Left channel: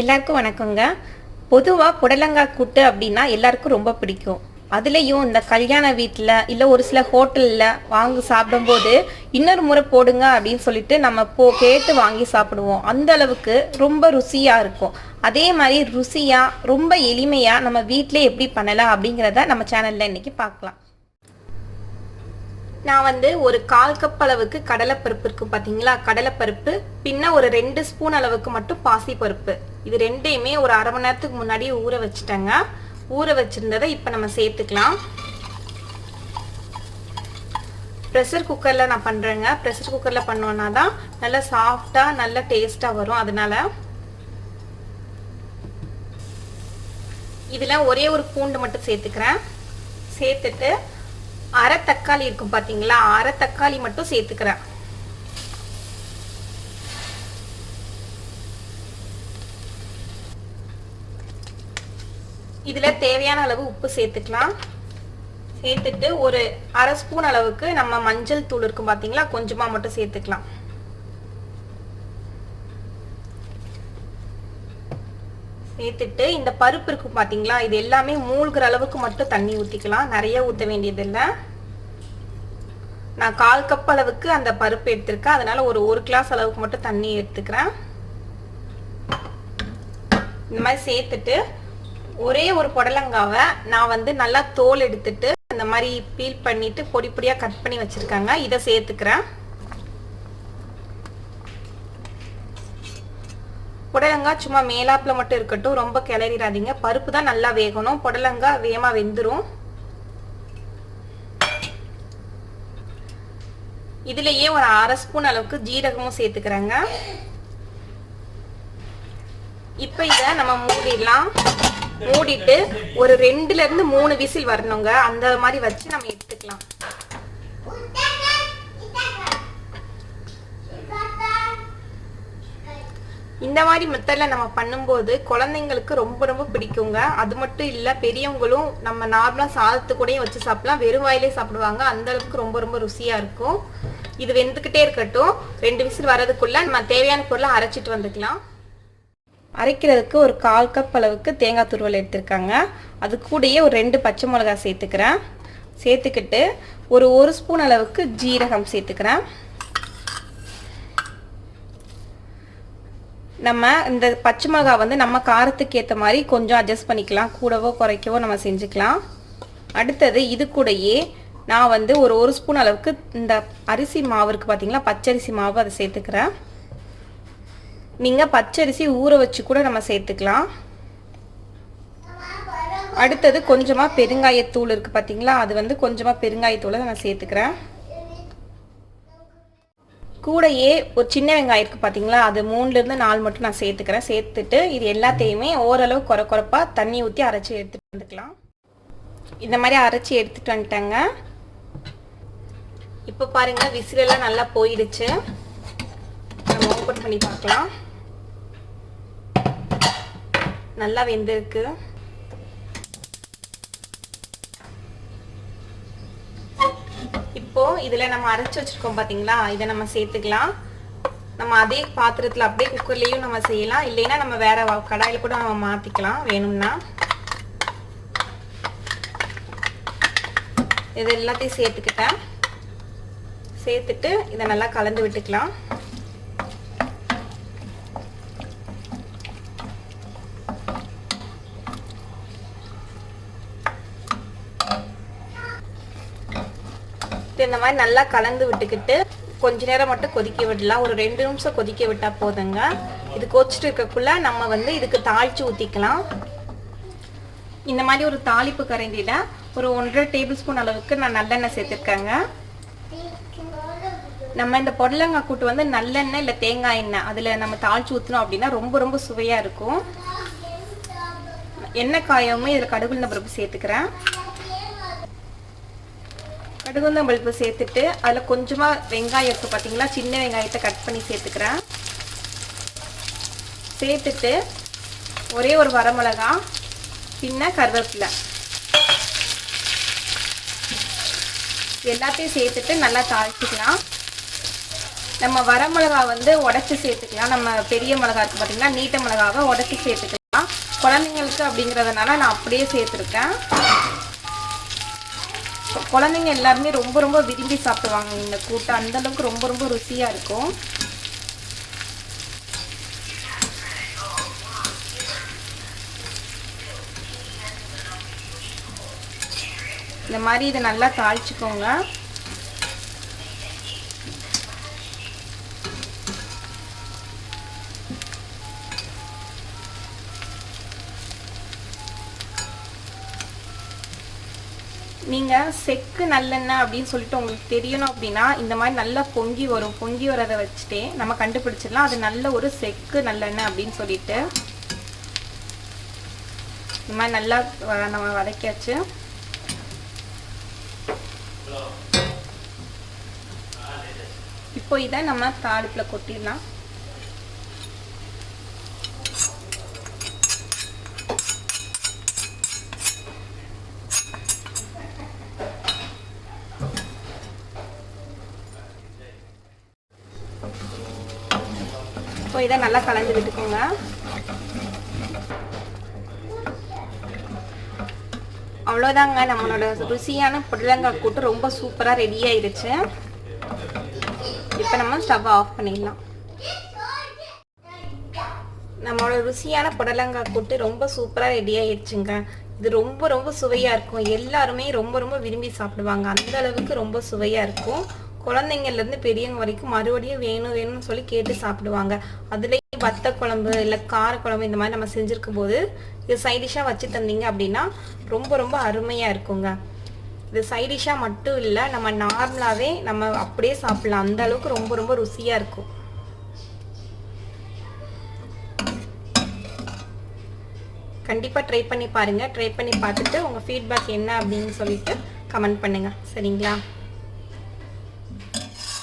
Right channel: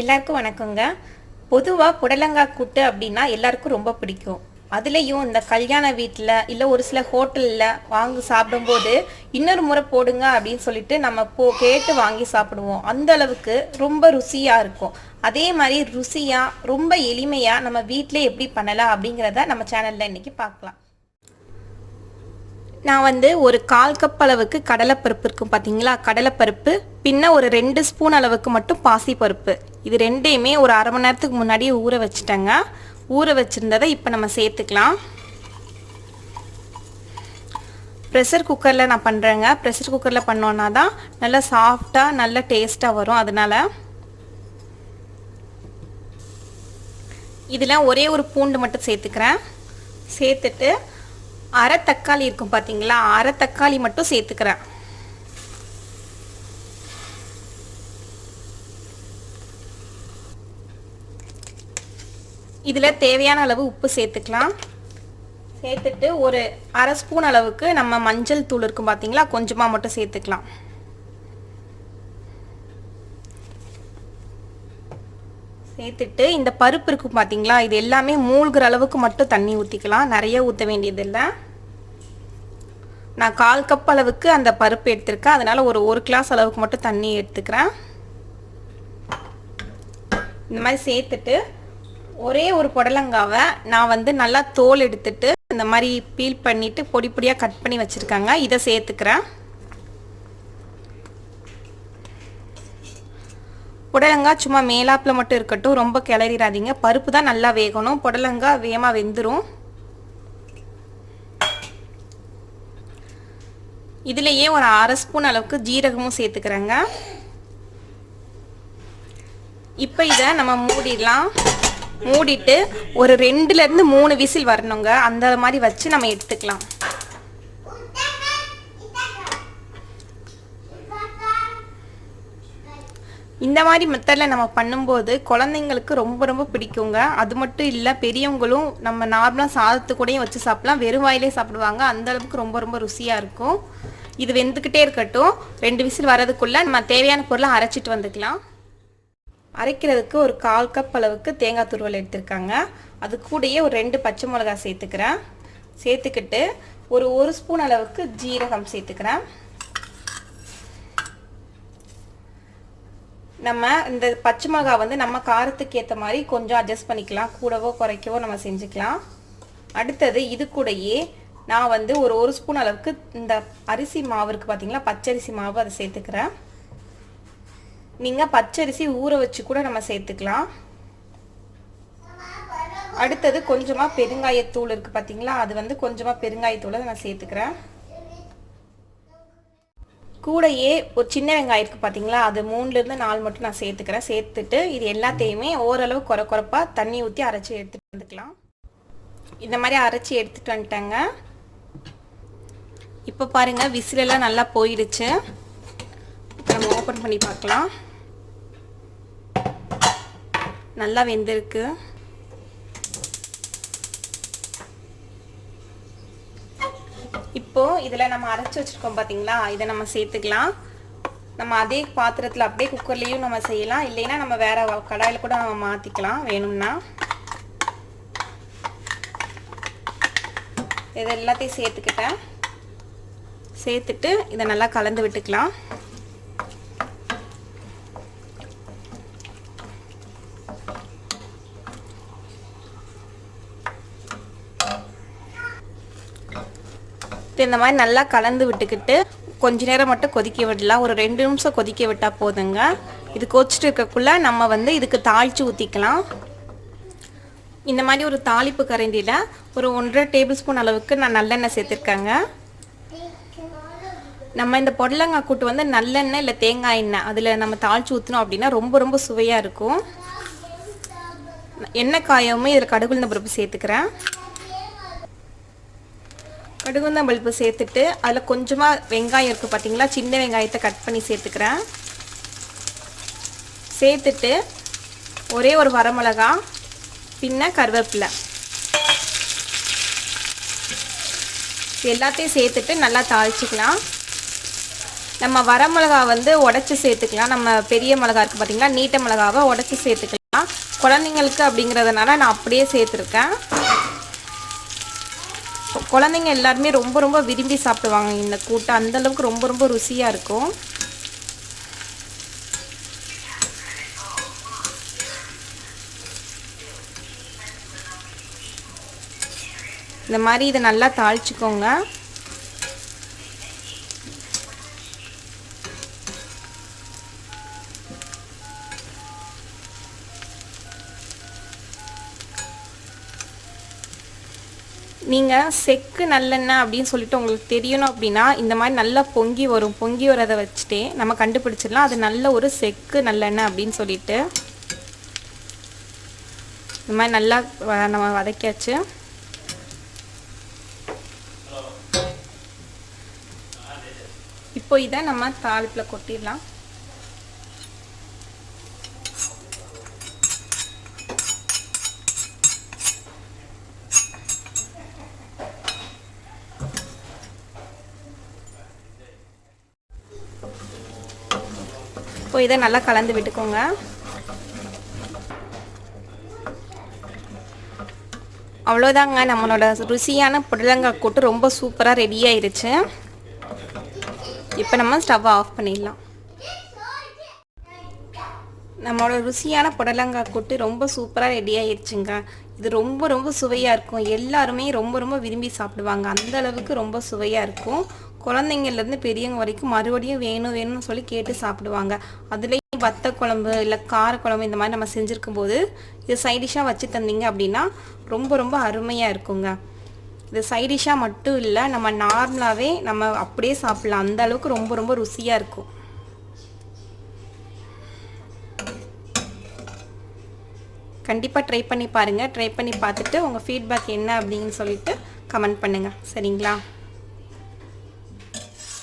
எல்லாருக்கும் வணக்கங்க. பொதுவாக புடலங்காய் கூட்டு அப்படின்னா எல்லாருக்கும் ரொம்ப பிடிக்கும். அதுலேயும் இந்த கல்யாண வீட்டில் இல்லை ஒரு சில ஹோட்டலில் வாங்கி சாப்பிடும்போது இன்னொரு முறை போடுங்க அப்படின்னு சொல்லிட்டு நம்ம கேட்டு வாங்கி சாப்பிடுவோம். அந்த அளவுக்கு ரொம்ப ருசியாக இருக்கும். அதே மாதிரி ருசியாக ரொம்ப எளிமையாக நம்ம வீட்டிலே எப்படி பண்ணலாம் அப்படிங்கிறத நம்ம சேனலில் இன்றைக்கி பார்க்கலாம். நான் ஒரு 1/4 கப் அளவுக்கு கடலைப்பருப்பு இருக்கும் பார்த்தீங்களா, கடலைப்பருப்பு பின்ன ஒரு 2 ஸ்பூன் அளவுக்கு மட்டும் பாசிப்பருப்பு, இது ரெண்டையுமே ஒரு அரை மணி நேரத்துக்கு முன்னாடியே ஊற வச்சுட்டேங்க. ஊற வச்சுருந்ததை இப்போ நம்ம சேர்த்துக்கலாம். ப்ரெஷர் குக்கரில் நான் பண்ணுறேங்க. ப்ரெஷர் குக்கரில் பண்ணோன்னா தான் நல்லா சாஃப்டாக நல்ல டேஸ்ட்டாக வரும். அதனால் இதில் ஒரே ஒரு பூண்டு மட்டும் சேர்த்துக்கிறேன். சேர்த்துட்டு அரை தக்காளி இருக்கும் பார்த்தீங்களா, அரை தக்காளி மட்டும் சேர்த்துக்கிறேன். இதில் தேவையான அளவு உப்பு சேர்த்துக்கலாம். சேர்த்துட்டு ஒரு அரை ஸ்பூன் அளவுக்கு நம்ம மஞ்சள் தூள் இருக்கும் பார்த்தீங்களா, கொஞ்சமாக மட்டும் சேர்த்துக்கலாம். சேர்த்துட்டு இந்த பருப்பு இருக்கும் பார்த்தீங்களா, இது எல்லாமே மூழ்கிற அளவுக்கு மட்டும் தண்ணி ஊற்றிக்கலாம். நிறைய ஊற்ற வேண்டியதில்லை. நான் 1/4 கப் அளவுக்கு அந்த பருப்பு எடுத்திருக்கேன். அதனால் ஒரு கிளாஸ் அளவுக்கு மட்டும் தண்ணி எடுத்துக்கிறேன். இந்த மாதிரி சேர்த்துட்டு ஒரே ஒரு புடலங்காவை நான் நல்லா தோல் எடுத்துட்டு இந்த மாதிரி பீல் பண்ணிட்டு பொடி பொடியாக கட் பண்ணி வச்சுருக்காங்க, இதை சேர்த்துக்கிறேன். புடலங்காய் சும்மா மேலாப்பில் மட்டும் இருக்கட்டும், ரொம்ப கிளறிடாதீங்க. பருப்பு தான் நல்லா வேகணும், புடலங்காய் வேகமாக வெந்துடும். இதுலேயே ஒரு அரை ஸ்பூன் அளவுக்கு ஜீரகமும் சேர்த்துக்கிறேங்க. இப்போ இதை நம்ம மூடிடலாம். மூடிட்டு ஒரு 2லேருந்து 3 விசில் வரணுங்க. அந்த மாதிரி வச்சு நம்ம எடுத்துக்கலாம். இந்த மாதிரி மெத்தடில் நம்ம பண்ணும்போது குழந்தைங்களுக்கு ரொம்ப ரொம்ப பிடிக்குங்க. அது மட்டும் இல்லை, பெரியவங்களும் நம்ம நார்மலாக சாதத்து கூடயும் வச்சு சாப்பிடலாம், வெறும் வாயிலே சாப்பிடுவாங்க. அந்த அளவுக்கு ரொம்ப ரொம்ப ருசியாக இருக்கும். இது வெந்துக்கிட்டே இருக்கட்டும். 2 விசில் வர்றதுக்குள்ளே நம்ம தேவையான பொருளை அரைச்சிட்டு வந்துக்கலாம். அரைக்கிறதுக்கு ஒரு 1/4 கப் அளவுக்கு தேங்காய் துருவல் எடுத்திருக்காங்க. அது கூடயே ஒரு 2 பச்சை மிளகாய் சேர்த்துக்கிறேன். சேர்த்துக்கிட்டு ஒரு ஸ்பூன் அளவுக்கு ஜீரகம் சேர்த்துக்கிறேன். நம்ம இந்த பச்சை மிளகாய் நம்ம காரத்துக்கு ஏற்ற மாதிரி கொஞ்சம் அட்ஜஸ்ட் பண்ணிக்கலாம், கூடவோ குறைக்கவோ நம்ம செஞ்சுக்கலாம். அடுத்தது இது கூடயே நான் ஒரு ஸ்பூன் அளவுக்கு இந்த அரிசி மாவு இருக்குது பார்த்தீங்களா, பச்சரிசி மாவு, அதை சேர்த்துக்கிறேன். நீங்கள் பச்சரிசி ஊற வச்சு கூட நம்ம சேர்த்துக்கலாம். அடுத்தது கொஞ்சமாக பெருங்காயத்தூள் இருக்குது பார்த்தீங்களா, அது கொஞ்சமாக பெருங்காயத்தூளை நான் சேர்த்துக்கிறேன். கூடையே ஒரு சின்ன வெங்காயம் இருக்குது பார்த்தீங்களா, அது 3லேருந்து 4 மட்டும் நான் சேர்த்துக்கிறேன். சேர்த்துட்டு இது எல்லாத்தையுமே ஓரளவு குறைப்பாக தண்ணி ஊற்றி அரைச்சி எடுத்துகிட்டு வந்துக்கலாம். இந்த மாதிரி அரைச்சி எடுத்துகிட்டு வந்துட்டேங்க. இப்போ பாருங்கள், விசிலெல்லாம் நல்லா போயிடுச்சு. நம்ம ஓப்பன் பண்ணி பார்க்கலாம். நல்லா வெந்திருக்கு. இப்போ இதில் நம்ம அரைச்சி வச்சுருக்கோம் பார்த்தீங்களா, இதை நம்ம சேர்த்துக்கலாம். நம்ம அதே பாத்திரத்தில் அப்படியே குக்கர்லேயும் நம்ம செய்யலாம், இல்லைன்னா நம்ம வேறு கடாயில் கூட நம்ம மாற்றிக்கலாம் வேணும்னா. இது எல்லாத்தையும் சேர்த்துக்கிட்டேன். சேர்த்துட்டு இதை நல்லா கலந்து விட்டுக்கலாம். இந்த மாதிரி நல்லா கலந்து விட்டுக்கிட்டு கொஞ்ச நேரம் மட்டும் கொதிக்க விடலாம். ஒரு 2 நிமிஷம் கொதிக்க விட்டால் போதுங்க. இது கொதிச்சுட்டு இருக்கக்குள்ள நம்ம இதுக்கு தாளித்து ஊற்றிக்கலாம். இந்த மாதிரி ஒரு தாளிப்பு கரண்டியில் ஒரு 1.5 டேபிள் ஸ்பூன் அளவுக்கு நான் நல்லெண்ணெய் சேர்த்துருக்கேங்க. நம்ம இந்த புடலங்காய் கூட்டு நல்லெண்ணெய் இல்லை தேங்காய் எண்ணெய் அதில் நம்ம தாளித்து ஊற்றினோம் அப்படின்னா ரொம்ப ரொம்ப சுவையாக இருக்கும். எண்ணெய் காயவுமே இதில் கடுகுளுந்த பருப்பு சேர்த்துக்கிறேன். கடுகுளுந்தம் பருப்பு சேர்த்துட்டு அதில் கொஞ்சமாக வெங்காயம் இருக்குது பார்த்தீங்களா, சின்ன வெங்காயத்தை கட் பண்ணி சேர்த்துக்கிறேன். சேர்த்துட்டு ஒரே ஒரு வரமிளகா பின்ன கருவேப்பிலை எல்லாத்தையும் சேர்த்துட்டு நல்லா தாளிச்சிக்கலாம். நம்ம வர மிளகா வந்து உடச்சி சேர்த்துக்கலாம். நம்ம பெரிய மிளகா இருக்குது பார்த்திங்கன்னா, நீட்ட மிளகாவை உடச்சி சேர்த்துக்கலாம். குழந்தைங்களுக்கு அப்படிங்கிறதுனால நான் அப்படியே சேர்த்துருக்கேன். குழந்தைங்க எல்லாருமே ரொம்ப ரொம்ப விரும்பி சாப்பிடுவாங்க இந்த கூட்டு. அந்தளவுக்கு ரொம்ப ரொம்ப ருசியாக இருக்கும். இந்த மாதிரி இதை நல்லா தாளிச்சுக்கோங்க. நீங்கள் செக்கு நல்லெண்ணெய் அப்படின்னு சொல்லிட்டு உங்களுக்கு தெரியணும் அப்படின்னா இந்த மாதிரி நல்லா பொங்கி வரும். பொங்கி வரதை வச்சுட்டே நம்ம கண்டுபிடிச்சிடலாம் அது நல்ல ஒரு செக்கு நல்லெண்ணெய் அப்படின்னு சொல்லிட்டு. இந்த மாதிரி நல்லா நம்ம வதக்கியாச்சு. இப்போ இதை நம்ம தாளிப்பில் கொட்டிடலாம். இப்போ இதை நல்லா கலந்து விட்டுக்கோங்க. அவ்வளோதாங்க, நம்மளோட ருசியான புடலங்காய் கூட்டு ரொம்ப சூப்பராக ரெடி ஆயிடுச்சு. இப்போ நம்ம ஸ்டவ் ஆஃப் பண்ணிடலாம். நம்மளோட ருசியான புடலங்காய் கூட்டு ரொம்ப சூப்பராக ரெடி ஆயிடுச்சுங்க. இது ரொம்ப ரொம்ப சுவையாக இருக்கும். எல்லாருமே ரொம்ப ரொம்ப விரும்பி சாப்பிடுவாங்க. அந்த அளவுக்கு ரொம்ப சுவையாக இருக்கும். குழந்தைங்கள்லேருந்து பெரியவங்க வரைக்கும் மறுபடியும் வேணும் வேணும்னு சொல்லி கேட்டு சாப்பிடுவாங்க. அதுலேயும் வத்த குழம்பு இல்லை கார குழம்பு இந்த மாதிரி நம்ம செஞ்சுருக்கும் போது இது சைடிஷாக வச்சு தந்தீங்க அப்படின்னா ரொம்ப ரொம்ப அருமையாக இருக்குங்க. இது சைடிஷாக மட்டும் இல்லை, நம்ம நார்மலாகவே நம்ம அப்படியே சாப்பிடலாம். அந்த அளவுக்கு ரொம்ப ரொம்ப ருசியாக இருக்கும். கண்டிப்பாக ட்ரை பண்ணி பாருங்கள். ட்ரை பண்ணி பார்த்துட்டு உங்கள் ஃபீட்பேக் என்ன அப்படின்னு சொல்லிட்டு கமெண்ட் பண்ணுங்கள். சரிங்களா?